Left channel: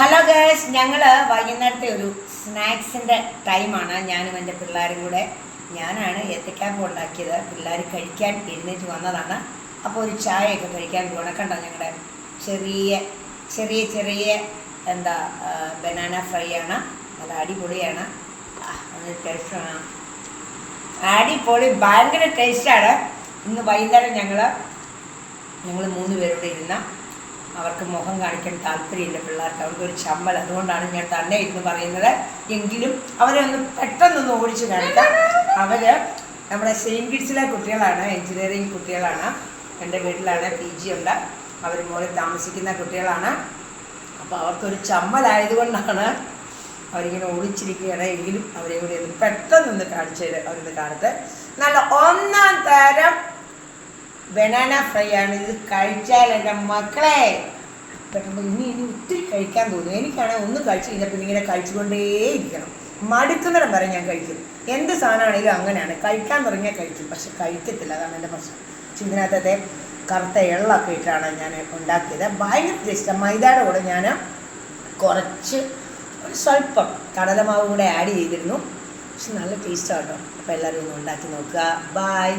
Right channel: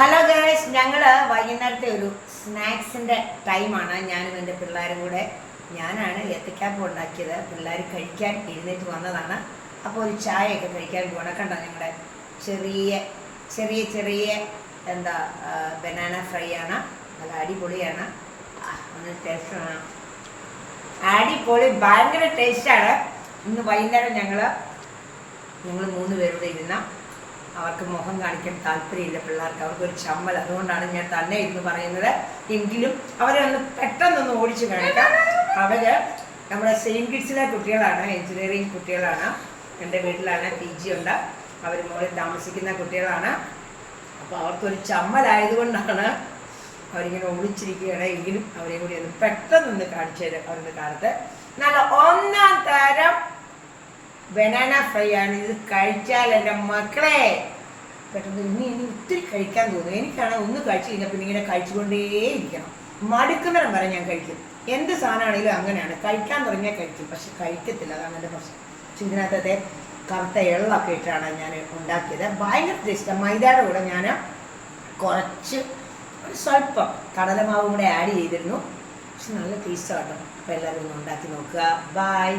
Hello girls, ഞങ്ങൾ വൈകുന്നേരത്തെ ഒരു സ്നാക്സിൻ്റെ ടൈമാണ്. ഞാനും എൻ്റെ പിള്ളേരും കൂടെ. ഞാനാണ് ഏത്തക്കാപ്പം ഉണ്ടാക്കിയത്. പിള്ളേർ കഴിക്കാൻ എഴുന്നേറ്റ് വന്നതാണ്. അപ്പോൾ ഒരു ചായയൊക്കെ കഴിക്കാൻ പോകണം. കണ്ടോ, ഞങ്ങളുടെ ചെറിയ ചെറിയ ചെറിയ എന്താ ബനാന ഫ്രൈ ആണ്. നല്ല അടിപൊളിയാണ്. ഒന്ന് ടേസ്റ്റ് വേണം. അടിപൊളി, ഭയങ്കര ടേസ്റ്റാണ്. ഇന്ന് വൈകുന്നേരം ഞങ്ങൾ 3 പേരോടെ ഇരുന്ന, അവർക്ക് മുഖം കാണിക്കാൻ താല്പര്യമില്ല പിള്ളേർക്ക്, അവർക്കൊരു ചമ്മൽ. അതുകൊണ്ടാണ് ഞാൻ തന്നെ ഇരുന്ന് പറയുന്നത്. എങ്കിലും അവരെ ഒന്ന് പെട്ടെന്നൊന്ന് ഓടിച്ച് കാണിക്കാം. അവർ നമ്മുടെ സെയിൻറ്റ് കിഡ്സിലെ കുട്ടികളാണ്, എഞ്ചിനീയറിങ് കുട്ടികളാണ്. എൻ്റെ വീട്ടിലാണ്, PG ഉണ്ട്. അവർ മോളിൽ താമസിക്കുന്ന കുട്ടികളാണ്. അപ്പോൾ അവർക്കൊരു ചമ്മലായതുകൊണ്ടാണ് അവരിങ്ങനെ ഓടിച്ചിരിക്കുകയാണ്. എങ്കിലും അവരെ കൂടി ഒന്ന് പെട്ടെന്നൊന്ന് കാണിച്ചു അവരൊന്ന് കാണത്ത്. നല്ല ഒന്നാം തരം ബനാന ഫ്രൈ ആണ്. ഇത് കഴിച്ചാൽ എൻ്റെ മക്കളെ പെട്ടെന്ന് ഇനി ഒത്തിരി കഴിക്കാൻ തോന്നും. എനിക്കാണെങ്കിൽ ഒന്ന് കഴിച്ചു കഴിഞ്ഞാൽ പിന്നെ ഇങ്ങനെ കഴിച്ചുകൊണ്ടേയിരിക്കണം. മടുക്കുന്നിടം വരെ ഞാൻ കഴിക്കും. എന്ത് സാധനമാണെങ്കിലും അങ്ങനെയാണ്, കഴിക്കാൻ തുടങ്ങിയാൽ കഴിക്കും, പക്ഷെ കഴിക്കത്തില്ല. അതാണ് എൻ്റെ പ്രശ്നം. ഇതിനകത്തെ കറുത്ത എള്ളൊക്കെ ഇട്ടാണ് ഞാൻ ഉണ്ടാക്കിയത്. ഭയങ്കര ടേസ്റ്റാണ്. മൈദയുടെ കൂടെ ഞാൻ കുറച്ച് സ്വല്പം കടലമാവ് കൂടെ ആഡ് ചെയ്തിരുന്നു. പക്ഷെ നല്ല ടേസ്റ്റാണ് കേട്ടോ. അപ്പോൾ എല്ലാവരും ഒന്ന് ഉണ്ടാക്കി നോക്കുക. ബൈ.